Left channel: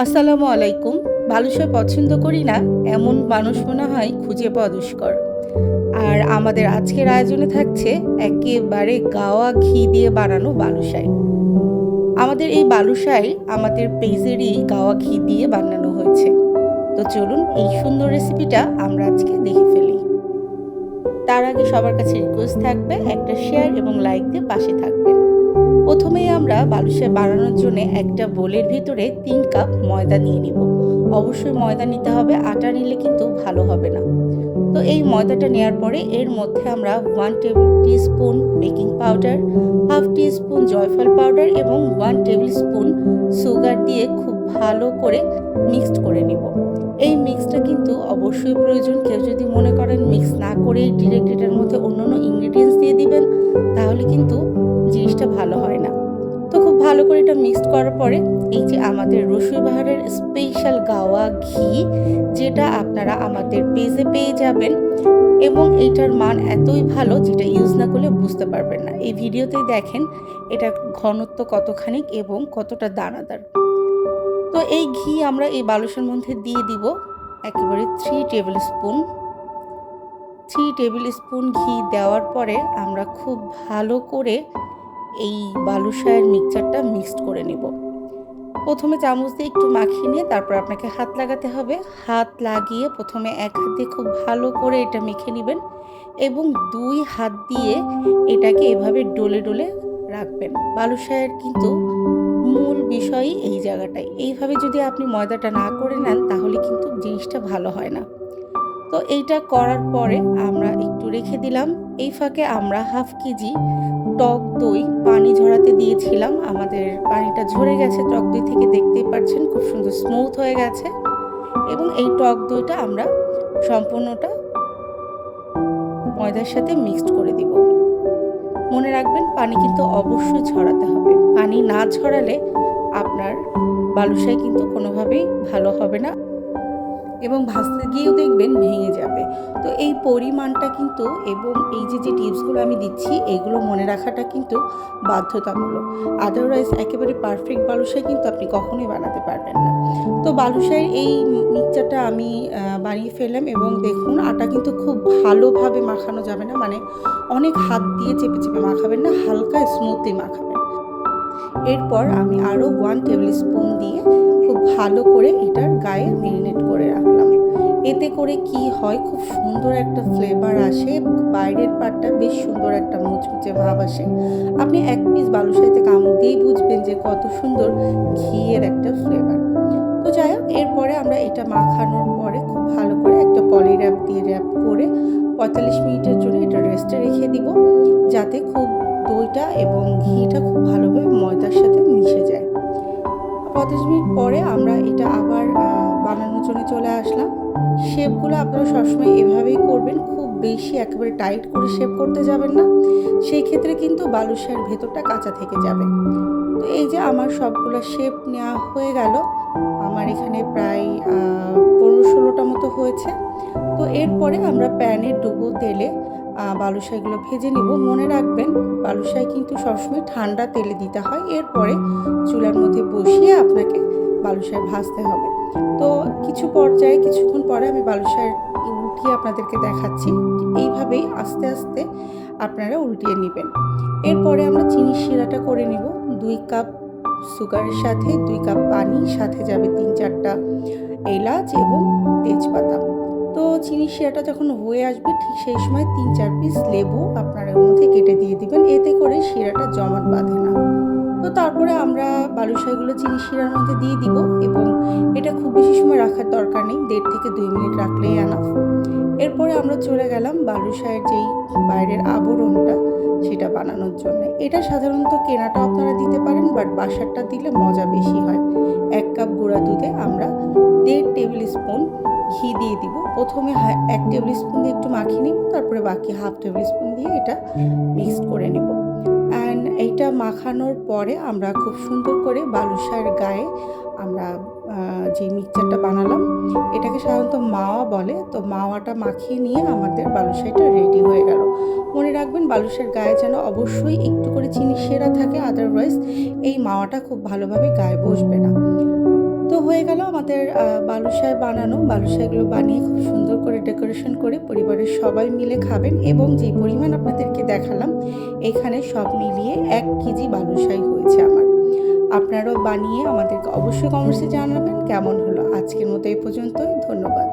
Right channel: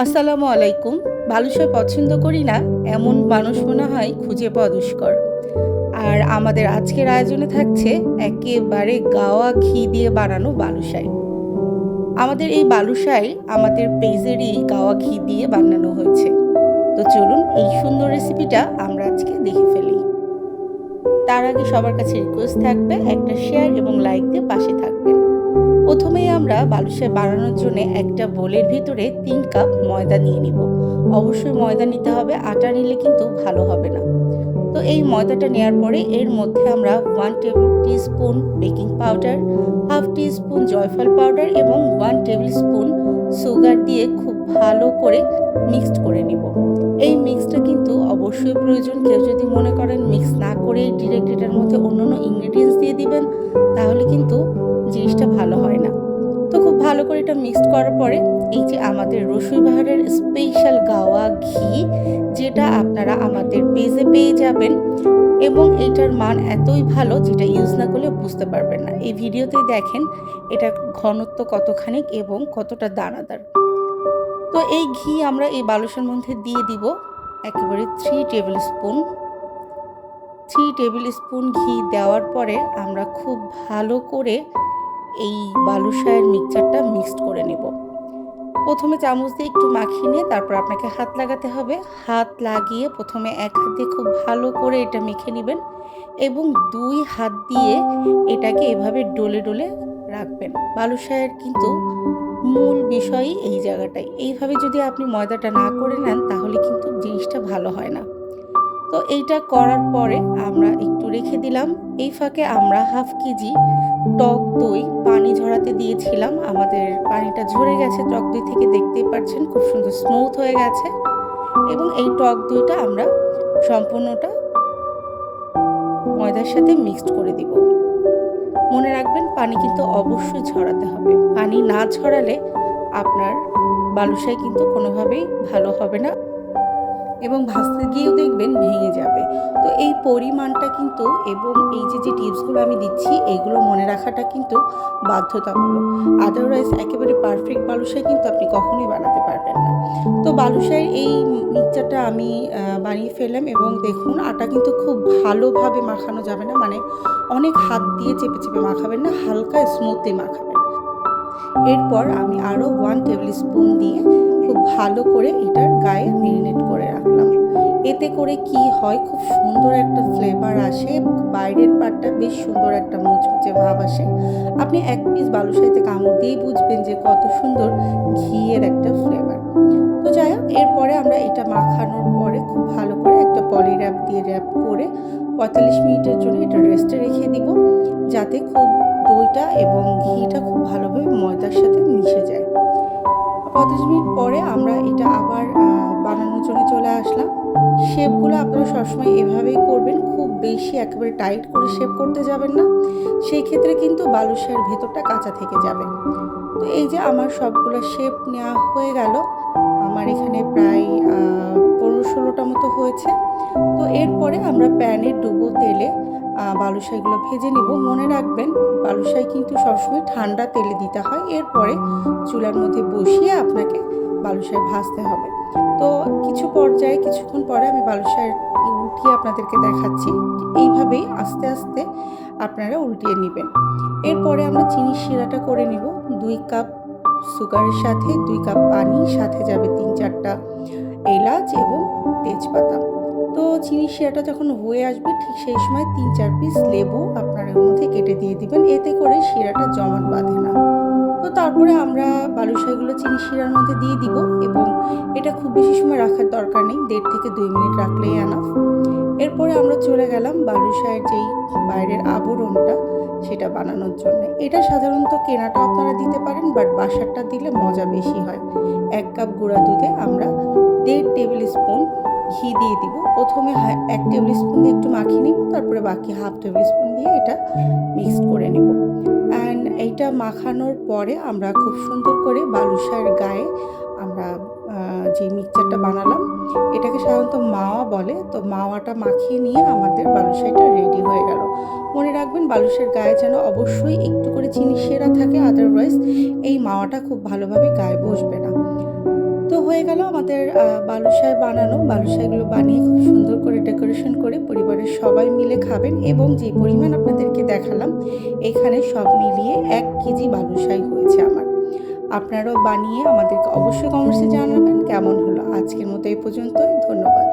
আসসালামু আলাইকুম। বালুশাই পছন্দ করি না এমন মানুষ মনে হয় খুঁজে পাওয়া দুষ্কর। আর আমাদের আজকের আয়োজনে থাকছে একেবারে গাওয়া ঘি দিয়ে বানানো বালুশাই। আমাদের এই বালুশাই আমাদের পেজেরই গাওয়া ঘি দিয়ে বানানো হয়েছে। তো চলুন এই সুন্দর রেসিপিটা আমরা আজকে দেখে ফেলি। তার আগে সবার কাছে রিকোয়েস্ট থাকবে একটা শেয়ার এবং লাইক দিয়ে পাশে থাকবেন। প্রথমেই আমরা বালুশাই বানানোর জন্য একটা বোলের ভিতরে 3 কাপ ময়দা নিয়ে নিব। অবশ্যই ময়দা নিতে হবে, আটা নিলে কিন্তু ভালো হবে না। তো এই ময়দাটা নেওয়ার পরে এর মধ্যে আমরা 1 table teaspoon baking powder, half teaspoon জয়ফল পাউডার এবং 1 টেবিল স্পুন সুগার দিয়ে খুব ভালো করে মিক্সড করে নিব। এই মিক্সটা কিন্তু অবশ্যই প্রয়োজন। কেউ যদি মনে করেন মিক্স না করে ডিরেক্ট এটার মধ্যে অন্যান্য ইনগ্রেডিয়েন্টস দিয়ে দিবেন, তাহলে কিন্তু জিনিসটা ভালো হয় না। তো খুব ভালো করে এটা মিক্সড করার পরে এই যে আমাদের রসুই বাহারের স্পেশাল গাওয়া ঘি, যেটা আপনারা আমাদের পেজে পেয়ে যাবেন, এবং এইটার মান এতই ভালো যেটা ইউজ না করলে বুঝতে পারবেন না। এই ভিডিওতেই দেখেন এটা ঘনত্ব কতখানি এবং কতটা দানাদার। তো এই ঘি আমরা এই বালুশের মধ্যে দিয়ে দিব একেবারে 3 টেবিল স্পুন। 3 টেবিল স্পুন ঘি দেওয়ার পরে আমরা খুব ভালো করে এই বালুশাইয়ের মিক্সচারটা মিক্সড করে নেব। প্রথমে চামচ দিয়ে একটু মাখিয়ে নিয়ে তারপর আপনাকে হাত লাগাতে হবে। হাত লাগিয়ে প্রথমে এক হাত দিয়ে খুব ভালো করে এটা মেখে নেবেন এবং 2 হাত দিয়ে এটাকে এভাবে ডলে ডলে রাখবেন। বালুশাইয়ের কিন্তু মূল বিষয়ই এই জায়গাটাই। এইভাবে যদি আপনি ময়দাটা না করে নেন তাহলে কিন্তু জিনিসটা ভালো হয় না। তো এইটা করার পরে আমরা একটু রেখে দিলাম। এই ফাঁকে আমরা হাফ কেজি টক দই পানি ঝরাতে দিয়েছিলাম। আমাদের পানিটা ঝরে গেছে টক দই থেকে, দেখতেই পাচ্ছেন খুব সুন্দর স্মুথ হয়ে গেছে। এবং এই টক দইটা আমরা সম্পূর্ণটা ময়দার সাথে মিক্সড করে দিব। মনে রাখবেন পানি কিন্তু অবশ্যই ঝরাতে হবে। পানি না ঝরালে আপনার বালুশাই কিন্তু কোনোভাবেই ভালো হবে না এবং ভাজতে গিয়েও দেখবেন ভেঙে যাবে। তো এই পরিমাণটা কিন্তু এবং এই যে টিপসগুলো আমি দিচ্ছি এগুলো মনে রাখাটা কিন্তু বাধ্যতামূলক। আদারওয়াইজ একেবারে পারফেক্ট বালুশাই কিন্তু আপনি কখনোই বানাতে পারবেন না। তো বালুশাইয়ের এই মিক্সচারটা আমি বানিয়ে ফেললাম এবং দেখুন আটা কিন্তু খুব ভালোভাবে মাখানো যাবে না, মানে অনেক হাত দিয়ে চেপে চেপে মাখাবেন না, হালকা স্মুথলি মাখাবেন। এরপর আমি আরও 1 টেবিল স্পুন দিয়ে খুব ভালো করে এটার গায়ে মেরিনেট করে রাখলাম। এতে করে কি হয়, খুব সুন্দর একটা ফ্লেভার আসে, বাইরের পাটটা বেশ সুন্দর একটা মুচমুচে ভাব আসে। আপনি এক পিস বালুশাইতে কামড় দিয়েই বুঝবেন যে কত সুন্দর ঘিয়ের একটা ফ্লেভার। তো যাই হোক, এরপরে আমরা এটা মাখানোর পরে খুব ভালো করে একটা পলি র্যাপ দিয়ে র্যাপ করে 45 মিনিটের জন্য এটা রেস্টে রেখে দিব, যাতে খুব দইটা এবং ঘিটা খুব ভালোভাবে ময়দার সাথে মিশে যায়। 35 মিনিট পরে আমরা এটা আবার বানানোর জন্য চলে আসলাম। শেপগুলো আপনারা সবসময় এভাবেই করবেন, খুব বেশি একেবারে টাইট করে শেপ করতে যাবেন না, সেই ক্ষেত্রে কিন্তু বালুশাইয়ের ভেতরটা কাঁচা থেকে যাবে। তো এই যে আমার সবগুলো শেপ নেওয়া হয়ে গেল, আমার এখানে প্রায় 15-16টা মতো হয়েছে। তো এরপরে আমরা প্যানে ডুবো তেলে বালুশাইগুলো ভেজে নেব। মনে রাখবেন বালুশাই কিন্তু সবসময় ঠান্ডা তেলে দিতে হয়। এরপরে চুলার মধ্যে বসিয়ে আপনাকে বালুশাই ভাজতে হবে। তো কিছুক্ষণ পরে আমি বালুশাই উল্টিয়ে আপনাদেরকে দেখাচ্ছি। এইভাবেই আস্তে আস্তে আপনারা উল্টিয়ে নেবেন। এরপরে আমরা চিনির শিরাটা করে নিব। 2 কাপ সুগারের সাথে 2 কাপ পানি, সাথে যাবে 3-4টা এলাচ এবং তেজপাতা। তো চিনির শিরাটা যখন হয়ে আসবে ঠিক সেই সময় 3-4 পিস লেবু আপনারা এর মধ্যে কেটে দিয়ে দিবেন, এতে করে শিরাটা জমাট বাঁধে না। তো তারপরে আমরা বালুশাইগুলো চিনির শিরার মধ্যে দিয়ে দিব এবং এটা খুব বেশি সময় রাখার দরকার নেই, 1.5 থেকে 2 মিনিট রাখলেই এনাফ। এরপরে আমরা চলে গেলাম বালুশাইয়ের যেই বাইরের আবরণটা সেটা বানানোর জন্য। এটা সাধারণত কেনাটাও আপনারা দিতে পারেন, বাট বাসারটা দিলে মজা বেশি হয়। 1 কাপ গুঁড়া দুধে আমরা 1.5 টেবিল স্পুন ঘি দিয়ে দিব। প্রথমে 1 টেবিল স্পুন দিয়ে একটু মাখিয়ে নিব, তারপরে বাকি হাফ টেবিল স্পুন দিয়ে এটা মিক্সড করে নেব। অ্যান্ড এইটা মাখানোর পরে আমরা খুব সুন্দর করে বালুশাইয়ের গায়ে আমরা যে মিক্সচারটা বানালাম এটাকে সাধারণত মাওয়া বলে, তো মাওয়াটা মাখিয়ে নিয়ে আমাদের বালুশাইটা রেডি হয়ে গেল। মনে রাখবেন বালুশাইয়ের গায়ে যেন অবশ্যই একটু করে চিনি সেরা থাকে, আদারওয়াইজ এই মাওয়াটা খুব ভালোভাবে গায়ে বসবে না। তো হয়ে গেল আমাদের বালুশাই বানানো। বালুশাইগুলো বানিয়ে খুব সুন্দর করে ডেকোরেশন করে পরিবারের সবাই মিলে খাবেন এবং যে পরিমাণ আপনাদেরকে দেখালাম এখানে সব মিলিয়ে 1 কেজি বালুশাই হয়েছে আমার। আপনারাও বানিয়ে আমাদেরকে অবশ্যই কমেন্টসে জানাবেন কেমন হলো। আজকের মতো এই পর্যন্তই। ধন্যবাদ।